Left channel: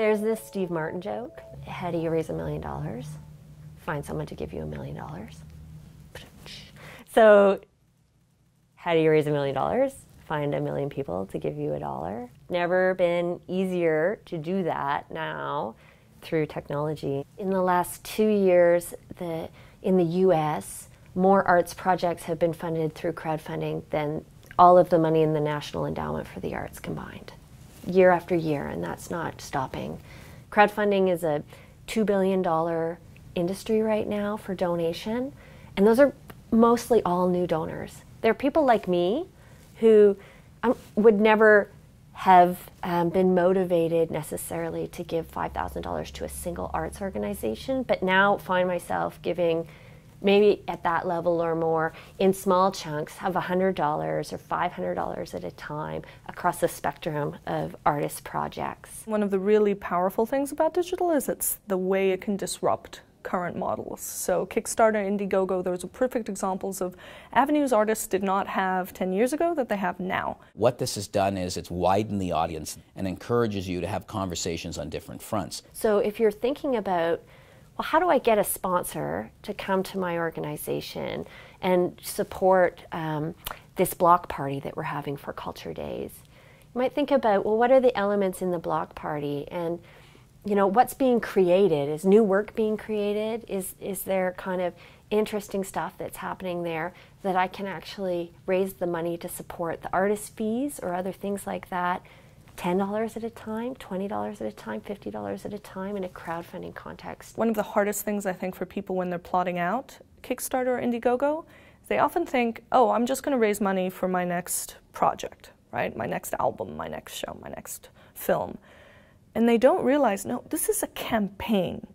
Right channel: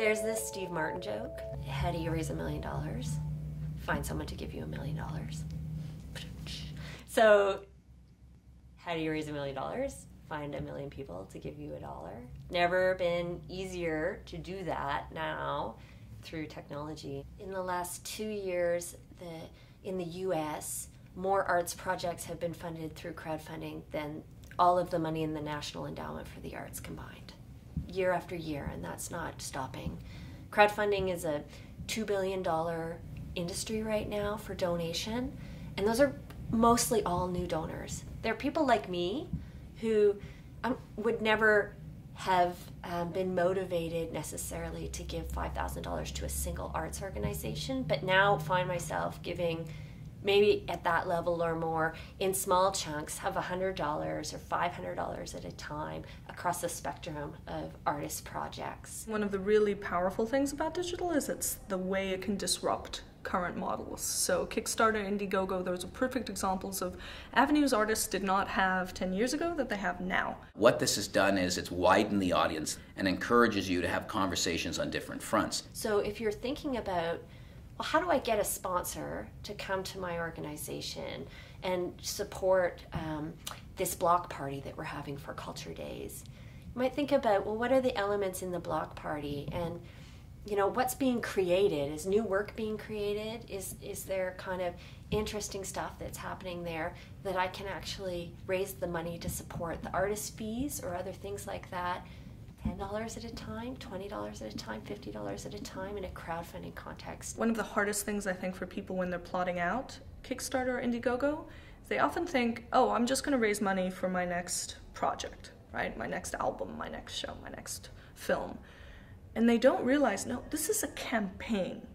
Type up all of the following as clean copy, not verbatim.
There's this Steve Martin joke. How do you raise $1 million? Find someone to give you $1 million. So, how do you raise $1 million? Find 1 million people to give you $1. Never been easier to do that now through technology. In the last 2 years, in the US, more arts projects have been funded through crowdfunding than all of the money in the National Endowment for the Arts combined, year after year, and that's not stopping. Crowdfunding is a $2 billion industry right now for donation, and those are mostly all new donors. There are people like me who would never have been motivated necessarily to give $5,000 to a single arts organization, but now find myself giving maybe at that level or more in small chunks of $100 or $500 at a time across the spectrum of artist projects. One of the really powerful things about digital is it's the way it can disrupt current models. So Kickstarter, Indiegogo, those are perfect examples of avenues artists did not have 10 years ago that they have now. What this has done is it's widened the audience and encourages you to have conversations on different fronts. So if you're thinking about, well, how do I get a sponsor to come to my organization and support this block party that we're having for Culture Days? You might think about, well, what are the elements in the block party, and you know, what's being created? Is new work being created? Is there kind of interesting stuff that's happening there that I can actually raise the money to support the artist fees or other things like that? $10 at a time, $20 at a time, $50 at a time in a crowdfunding context. One of the hardest things I think for people when they're plotting out Kickstarter or Indiegogo, they often think, oh, I'm just going to raise money for my next project, right? My next album, my next show, my next film. And they don't realize, no, this is a campaign.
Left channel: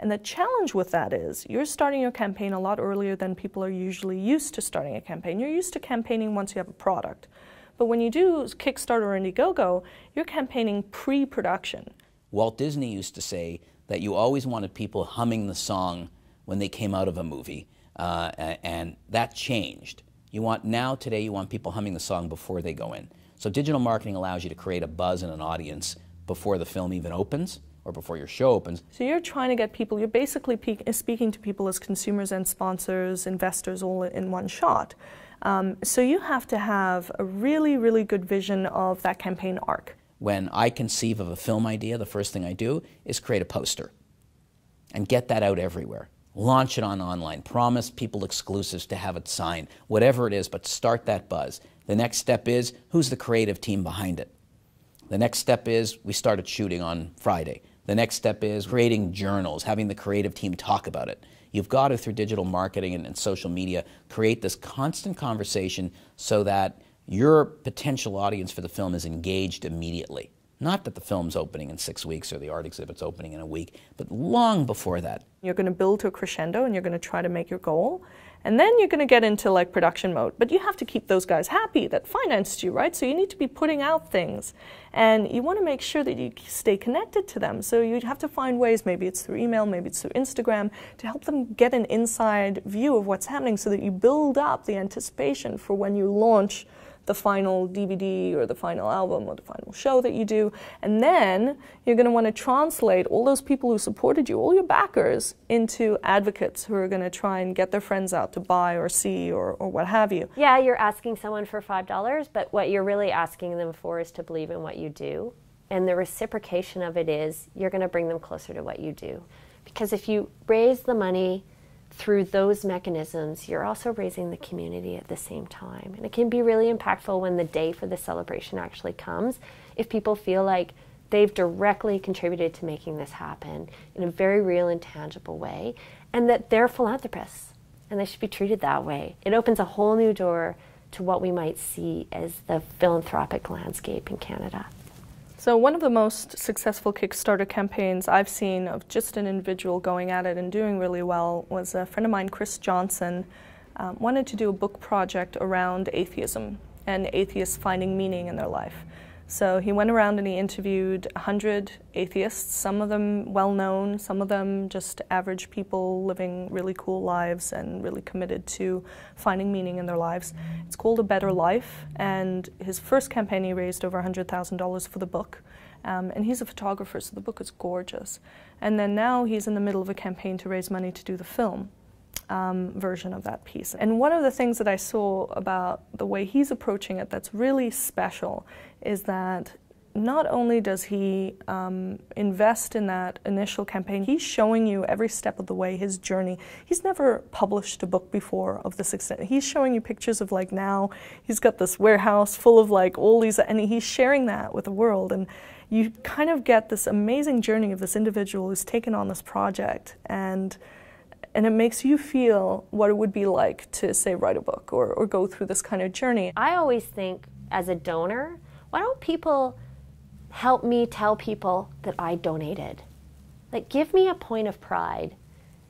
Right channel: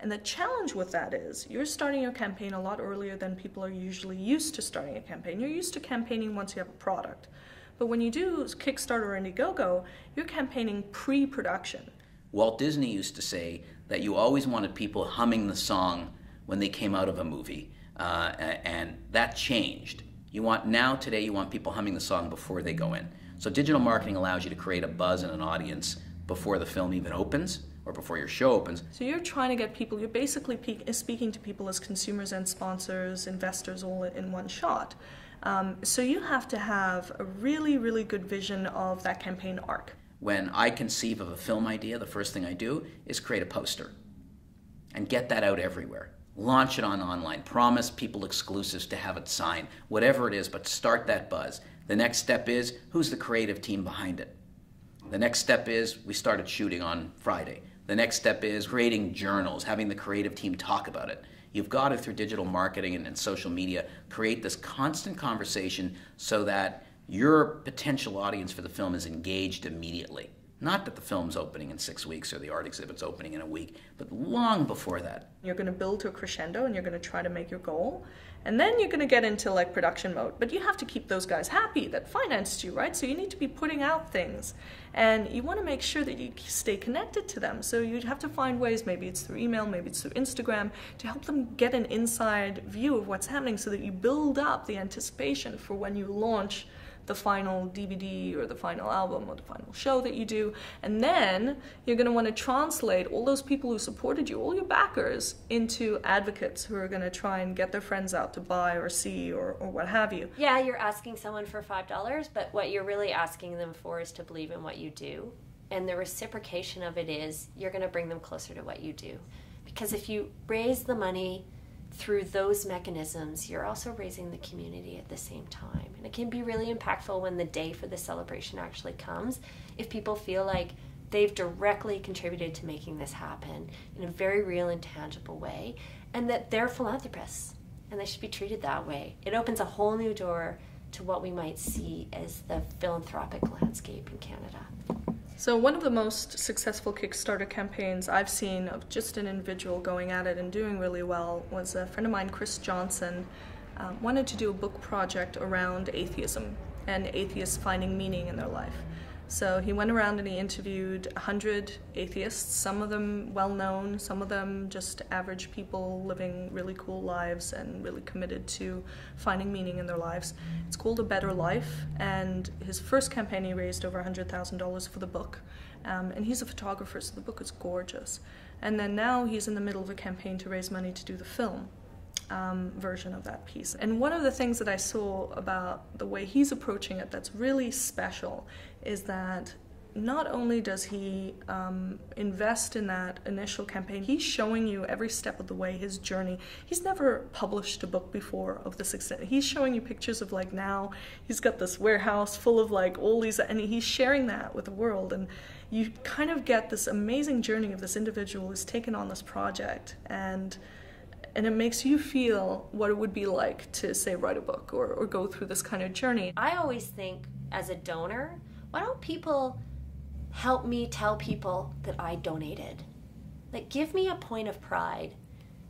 And the challenge with that is you're starting your campaign a lot earlier than people are usually used to starting a campaign. You're used to campaigning once you have a product. But when you do Kickstarter or Indiegogo, you're campaigning pre-production. Walt Disney used to say that you always wanted people humming the song when they came out of a movie, and that changed. Today you want people humming the song before they go in. So digital marketing allows you to create a buzz and an audience before the film even opens or before your show opens. So you're trying to get people, you're basically speaking to people as consumers and sponsors, investors all in one shot. So you have to have a really, really good vision of that campaign arc. When I conceive of a film idea, the first thing I do is create a poster and get that out everywhere. Launch it on online, promise people exclusives to have it signed, whatever it is, but start that buzz. The next step is, who's the creative team behind it? The next step is, we started shooting on Friday. The next step is creating journals, having the creative team talk about it. You've got to, through digital marketing and social media, create this constant conversation so that your potential audience for the film is engaged immediately. Not that the film's opening in 6 weeks or the art exhibit's opening in a week, but long before that. You're going to build to a crescendo and you're going to try to make your goal. And then you're going to get into like production mode. But you have to keep those guys happy that financed you, right? So you need to be putting out things. And you want to make sure that you stay connected to them. So you'd have to find ways, maybe it's through email, maybe it's through Instagram, to help them get an inside view of what's happening so that you build up the anticipation for when you launch the final DVD or the final album or the final show that you do. And then you're going to want to translate all those people who supported you, all your backers, into advocates who are going to try and get their friends out to buy or see or what have you. Yeah, you're asking someone for $5, but what you're really asking them for is to believe in what you do. And the reciprocation of it is you're going to bring them closer to what you do. Because if you raise the money through those mechanisms, you're also raising the community at the same time. And it can be really impactful when the day for the celebration actually comes, if people feel like they've directly contributed to making this happen in a very real and tangible way, and that they're philanthropists, and they should be treated that way. It opens a whole new door to what we might see as the philanthropic landscape in Canada. So one of the most successful Kickstarter campaigns I've seen of just an individual going at it and doing really well was a friend of mine, Chris Johnson, wanted to do a book project around atheism and atheists finding meaning in their life. So he went around and he interviewed 100 atheists, some of them well-known, some of them just average people living really cool lives and really committed to finding meaning in their lives. It's called A Better Life, and his first campaign he raised over $100,000 for the book. And he's a photographer, so the book is gorgeous. And then now he's in the middle of a campaign to raise money to do the film version of that piece. And one of the things that I saw about the way he's approaching it that's really special is that not only does he invest in that initial campaign, he's showing you every step of the way his journey. He's never published a book before of this extent. He's showing you pictures of like now, he's got this warehouse full of like all these, and he's sharing that with the world. And you kind of get this amazing journey of this individual who's taken on this project, and it makes you feel what it would be like to, say, write a book or go through this kind of journey. I always think, as a donor, why don't people help me tell people that I donated? Like, give me a point of pride.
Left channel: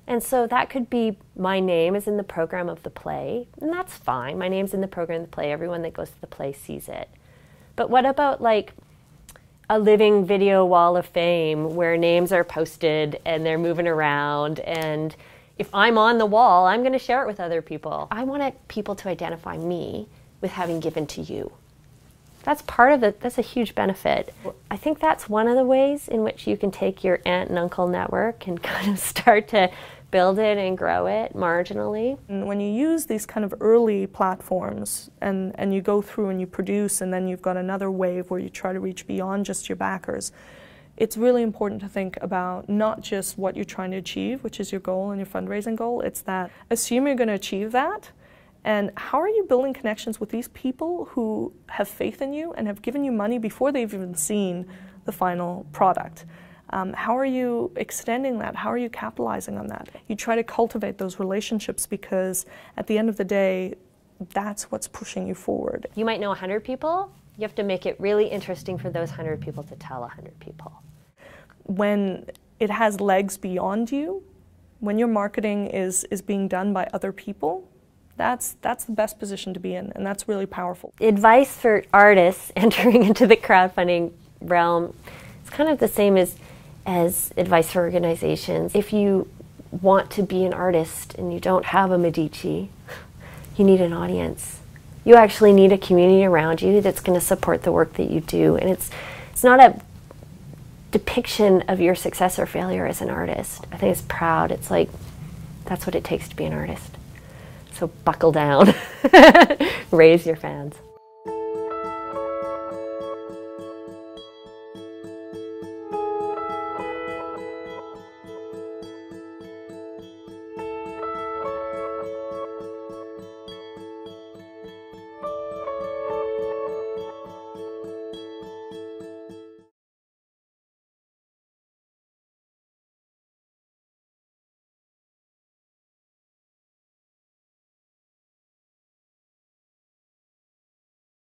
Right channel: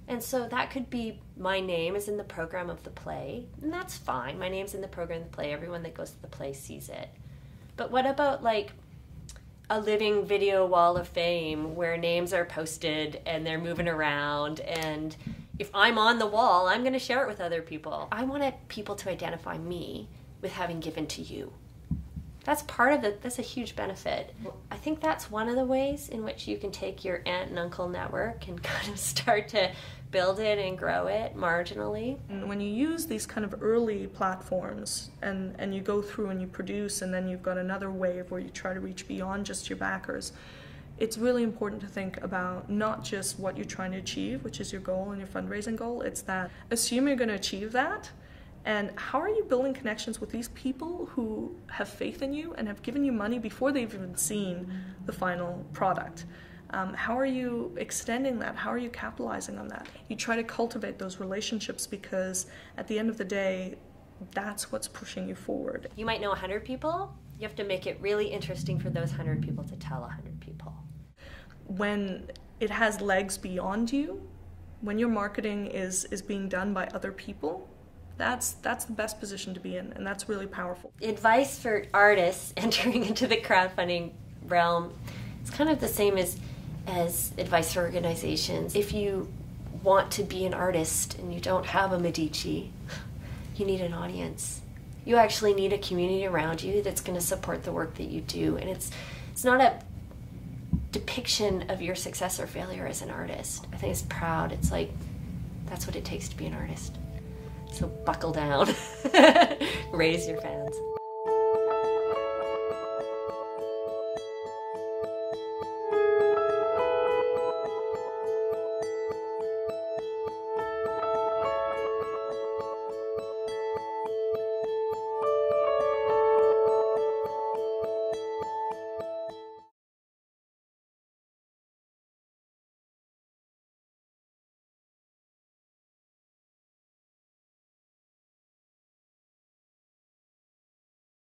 And so that could be my name is in the program of the play, and that's fine. My name's in the program of the play. Everyone that goes to the play sees it. But what about, like, a living video wall of fame where names are posted and they're moving around, and if I'm on the wall, I'm going to share it with other people. I want people to identify me with having given to you. That's part of it. That's a huge benefit. I think that's one of the ways in which you can take your aunt and uncle network and kind of start to build it and grow it marginally. And when you use these kind of early platforms and you go through and you produce, and then you've got another wave where you try to reach beyond just your backers, it's really important to think about not just what you're trying to achieve, which is your goal and your fundraising goal. It's that assume you're going to achieve that, and how are you building connections with these people who have faith in you and have given you money before they've even seen the final product? How are you extending that? How are you capitalizing on that? You try to cultivate those relationships, because at the end of the day, that's what's pushing you forward. You might know 100 people. You have to make it really interesting for those 100 people to tell 100 people. When it has legs beyond you, when your marketing is being done by other people, that's the best position to be in, and that's really powerful. Advice for artists entering into the crowdfunding realm is kind of the same as advice for organizations. If you want to be an artist and you don't have a Medici, you need an audience. You actually need a community around you that's going to support the work that you do. And it's not a depiction of your success or failure as an artist. I think it's proud. It's like, that's what it takes to be an artist. So buckle down. Raise your fans.